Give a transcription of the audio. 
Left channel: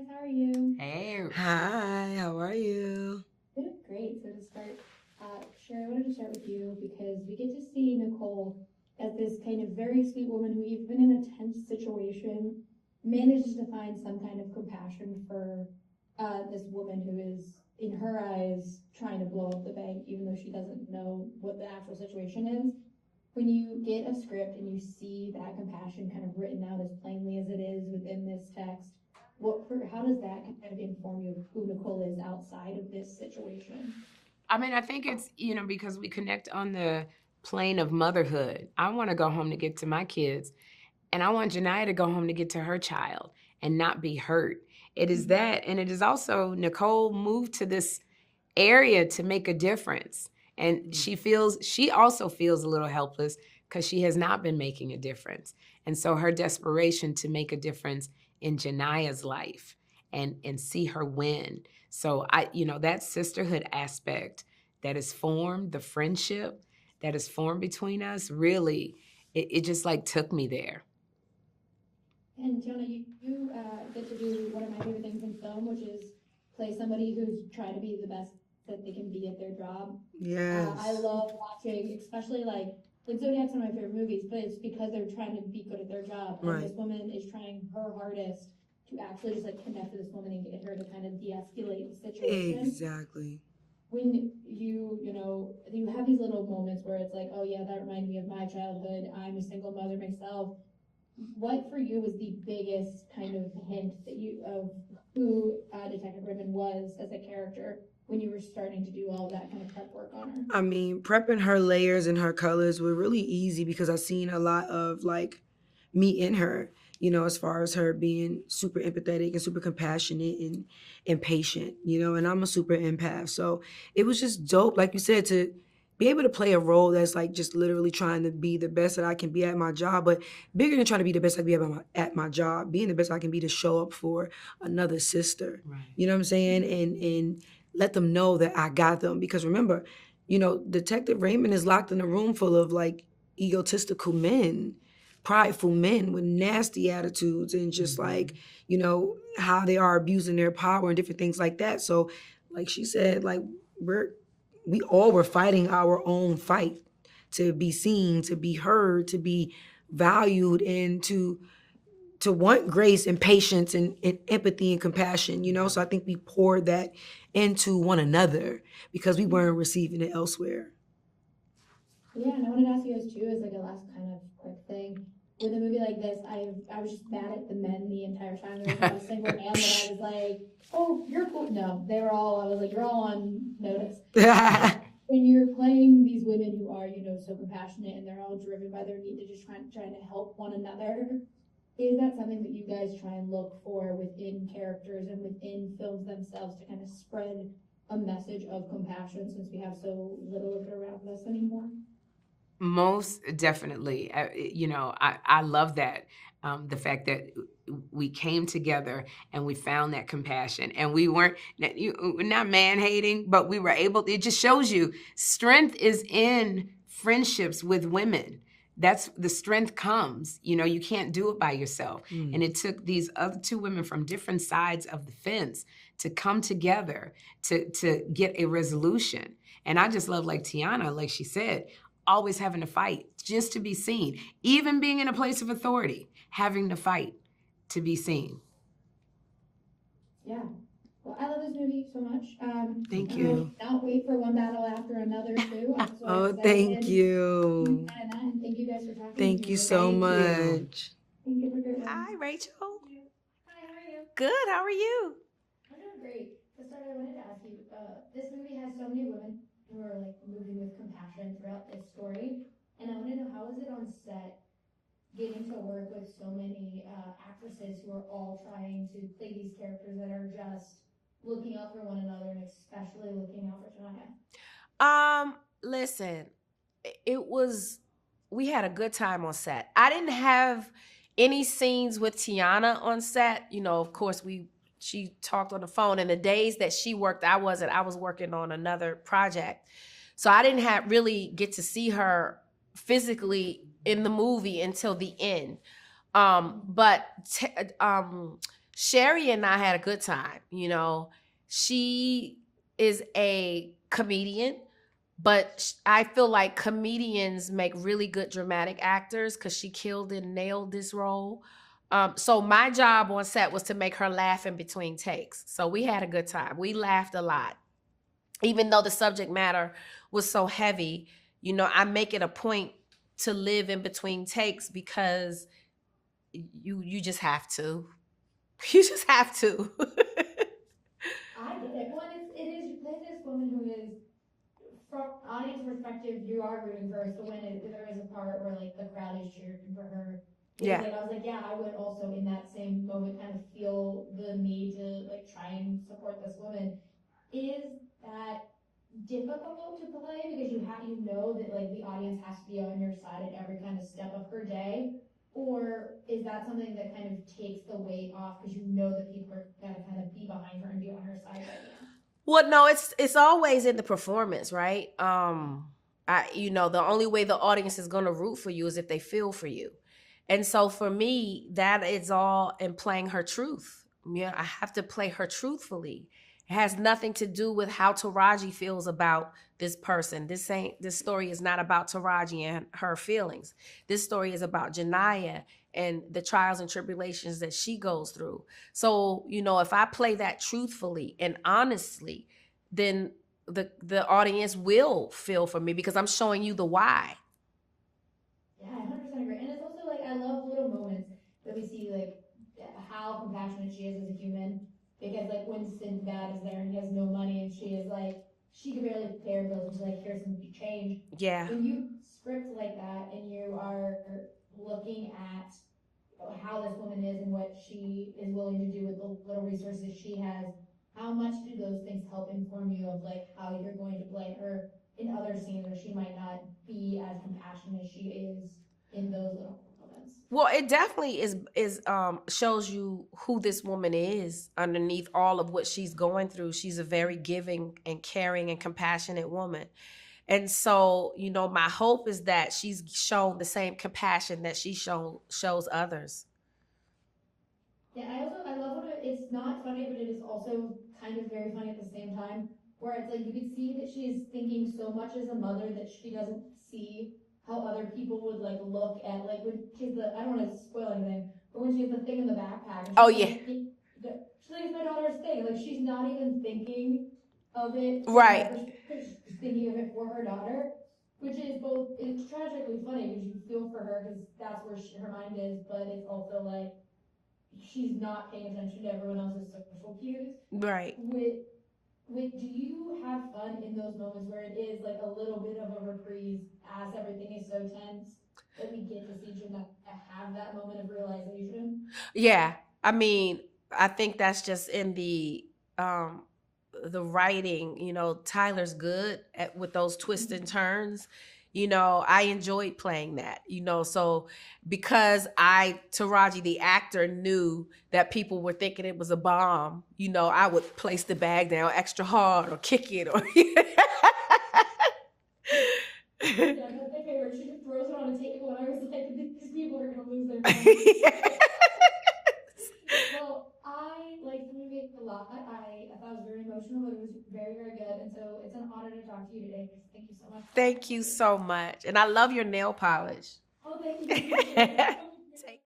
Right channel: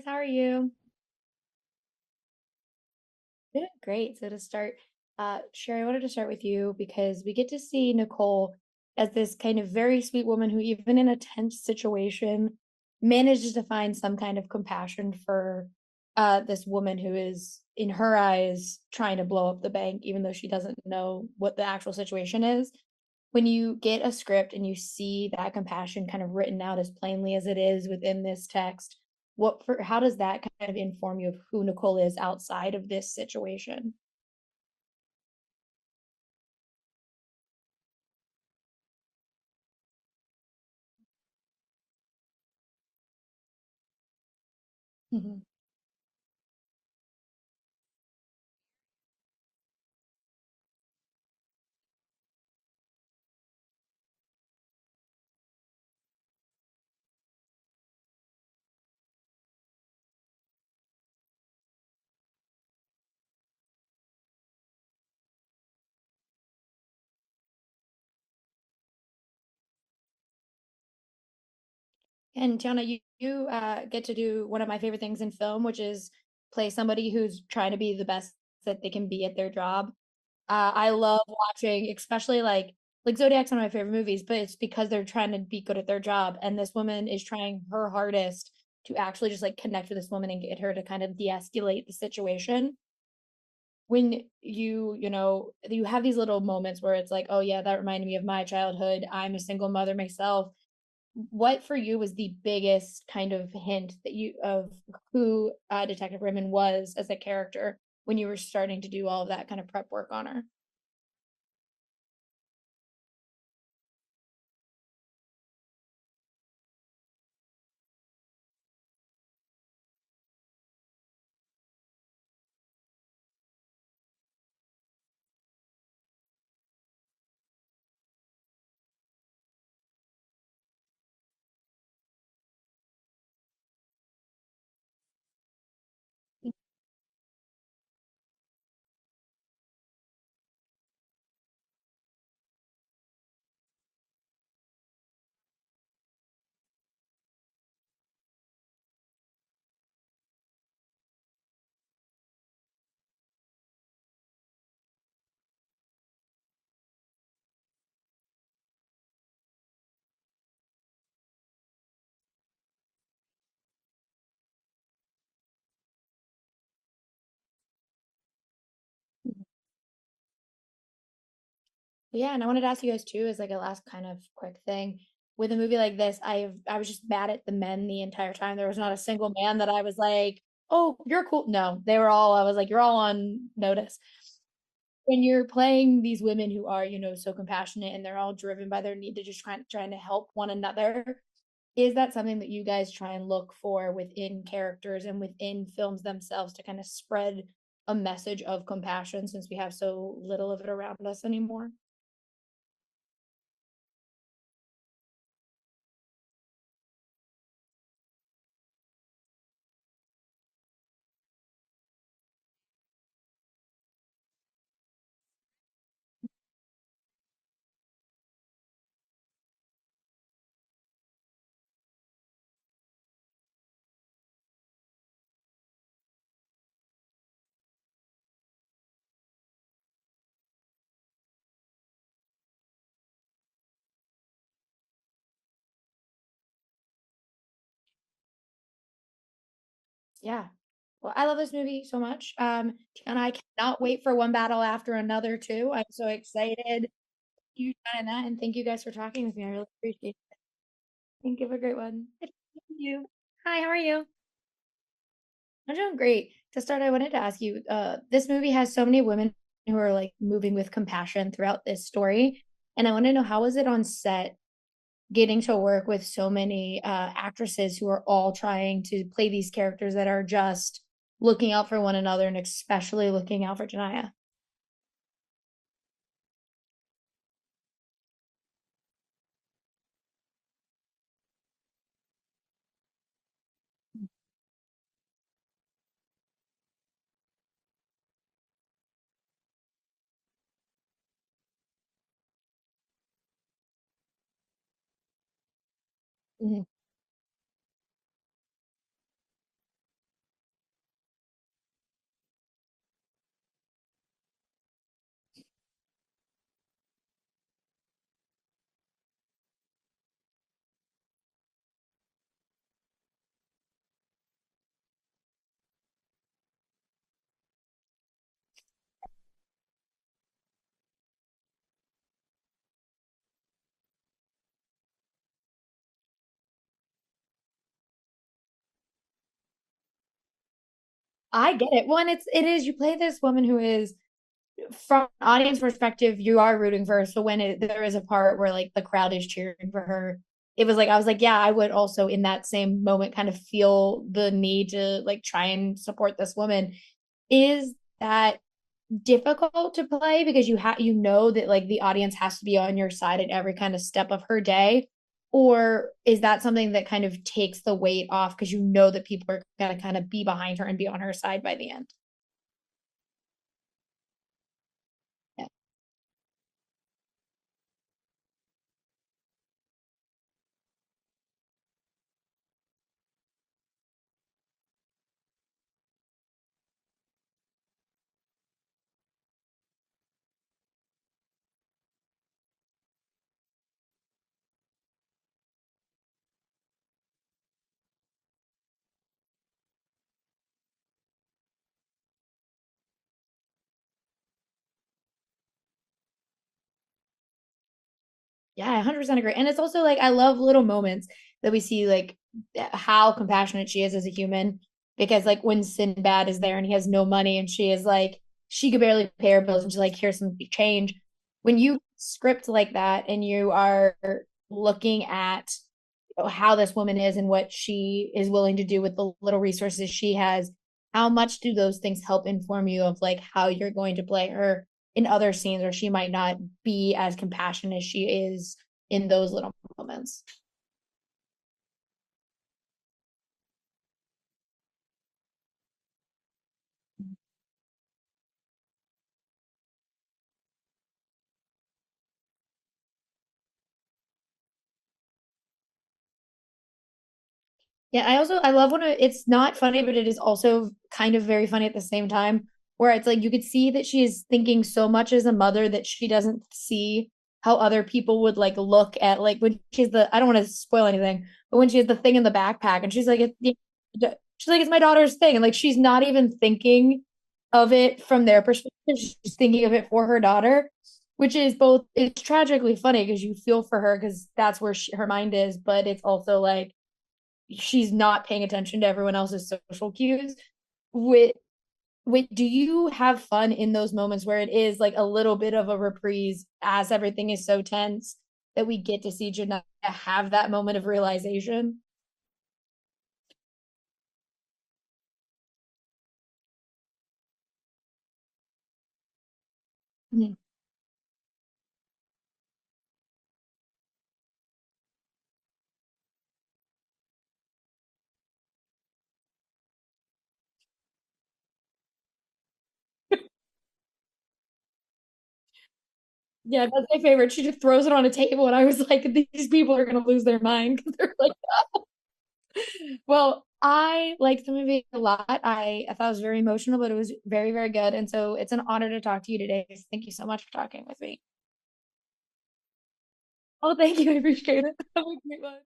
guys. How are you? Hey, Hi, how are you? Good, great. So to start, Sherry, I wanted to start with you because we get to see Nicole as this kind of very sweet woman who, even in a tense situation, manages to find some kind of compassion for this woman who is, in her eyes, trying to blow up the bank, even though she doesn't know what the actual situation is. When you get a script and you see that compassion kind of written out as plainly as it is within this text, how does that kind of inform you of who Nicole is outside of this situation? I mean, I think it's, because we connect on the plane of motherhood. I want to go home to get to my kids, and I want Janiyah to go home to get to her child and not be hurt. It is Mhm. that, and it is also Nicole moved to this area to make a difference. And she also feels a little helpless because she has not been making a difference. And so her desperation to make a difference in Janiyah's life and see her win. So that sisterhood aspect that is formed, the friendship that is formed between us, really, it just like took me there. And Tiana, you get to do one of my favorite things in film, which is play somebody who's trying to be the best that they can be at their job. I Yes. love watching, especially like Zodiac's one of my favorite movies, but it's because they're trying to be good at their job, and this Right. woman is trying her hardest to actually just like connect with this woman and get her to kind of de-escalate the situation. Exactly. When you have these little moments where it's like, oh yeah, that reminded me of my childhood. I'm a single mother myself. What for you was the biggest kind of hint that you of who Detective Raymond was as a character when you were starting to do all of that kind of prep work on her? I mean, prepping her layers and her colors were really easy because I seen a lot of like me in her, as far as her being super empathetic and super compassionate and patient, and I'm a super empath. So it was just dope, like you said, to be able to play a role that's like just literally trying to be the best that I can be at my job, but bigger than trying to be the best I can be at my job, being the best I can be to show up for another sister. Right. You know what I'm saying? And let them know that I got them. Because remember, Detective Raymond is locked in a room full of like egotistical men, prideful men with nasty attitudes and just like, how they are abusing their power and different things like that. So, like she said, like we all were fighting our own fight to be seen, to be heard, to be valued, and to want grace and patience and empathy and compassion, So I think we poured that into one another because we weren't receiving it elsewhere. Yeah, and I wanted to ask you guys too, as like a last kind of quick thing. With a movie like this, I was just mad at the men the entire time. There was not a single man that I was like, "Oh, you're cool." No, they were all. I was like, "You're all on notice." When you're playing these women who are, so compassionate and they're all driven by their need to just trying to help one another, is that something that you guys try and look for within characters and within films themselves to kind of spread a message of compassion since we have so little of it around us anymore? Most definitely. I love that. The fact that we came together and we found that compassion and we we're not man hating, but we were able, it just shows you strength is in friendships with women. That's the strength comes, you can't do it by yourself. And it took these other two women from different sides of the fence to come together to get a resolution. And I just love, like Teyana, like she said, always having to fight just to be seen, even being in a place of authority, having to fight to be seen. Yeah. Well, I love this movie so much. Thank And I you. cannot wait for one battle after another too. I'm so Oh, excited thank to you. find that. And thank you guys for talking with me. Thank I you hope so Thank you. much. you have a great one. Hi, Rachel. You. Hi, how are you? Good. How are you? I'm doing great. To start, I wanted to ask you, this movie has so many women who are like moving with compassion throughout this story. And I want to know, how was it on set getting to work with so many actresses who are all trying to play these characters that are just looking out for one another and especially looking out for Janiyah? Listen, it was we had a good time on set. I didn't have any scenes with Teyana on set. Of course, she talked on the phone, and the days that she worked, I wasn't. I was working on another project. So I didn't have really get to see her physically in the movie until the end. Mhm. But Sherri and I had a good time. You know, she is a comedian, but I feel like comedians make really good dramatic actors because she killed and nailed this role. So my job on set was to make her laugh in between takes. So we had a good time. We laughed a lot. Even though the subject matter was so heavy, you know, I make it a point to live in between takes because you just have to. You just have to. I get it. Well, and it is, you play this woman who is, from an audience perspective, you are rooting for her. So when there is a part where like the crowd is cheering for her, it was Yeah. like, I was like, yeah, I would also in that same moment kind of feel the need to like try and support this woman. Is that difficult to play because you know that like the audience has to be on your side at every kind of step of her day? Or is that something that kind of takes the weight off because you know that people are going to kind of be behind her and be on her side by the end? Well, no, it's always in the performance, right? Yeah. You know, the only way the audience is going to root for you is if they feel for you. And so for me, that is all in playing her truth. Yeah, I have to play her truthfully. It has nothing to do with how Taraji feels about this person. This story is not about Taraji and her feelings. This story is about Janiyah and the trials and tribulations that she goes through. So, you know, if I play that truthfully and honestly, then the audience will feel for me because I'm showing you the why. Yeah, I 100% agree. And it's also like, I love little moments that we see, like how compassionate she is as a human. Because like when Sinbad is there and he has no money and she is like, she could barely pay her bills and she's like, here's some change. Yeah. When you script like that and you are looking at how this woman is and what she is willing to do with the little resources she has, how much do those things help inform you of like how you're going to play her in other scenes where she might not be as compassionate as she is in those little moments? Well, it definitely is shows you who this woman is underneath all of what she's going through. She's a very giving and caring and compassionate woman. And so, you know, my hope is that she's shown the same compassion that she shows others. Yeah, I love when it's not funny, but it is also kind of very funny at the same time, where it's like you could see that she is thinking so much as a mother that she doesn't see how other people would like look at, like when she's I don't want to spoil anything, but when she has the thing in the backpack and she's Oh, like, yeah. she's like, it's my daughter's thing. And like she's not even thinking of it from their Right. perspective. She's thinking of it for her daughter, which is both, it's tragically funny because you feel for her because that's where her mind is, but it's also like she's not paying attention to everyone else's social cues. Right. Do you have fun in those moments where it is like a little bit of a reprise as everything is so tense that we get to see Janiyah have that moment of realization? Yeah. I mean, I think that's just in the writing. You know, Tyler's good with those twists and turns. You know, I enjoyed playing that, you know, so because Taraji, the actor, knew that people were thinking it was a bomb, you know, I would place the bag down extra hard or kick it or Yeah, that's my favorite. She just throws it on a table and I was like, these people are gonna lose their minds. Well, I liked the movie a lot. I thought it was very emotional, but it was very, very good. And so it's an honor to talk to you today. Thank you so much for talking Thank with you me. so much. And I love your nail polish. Oh, thank you. I appreciate it. Have a great night.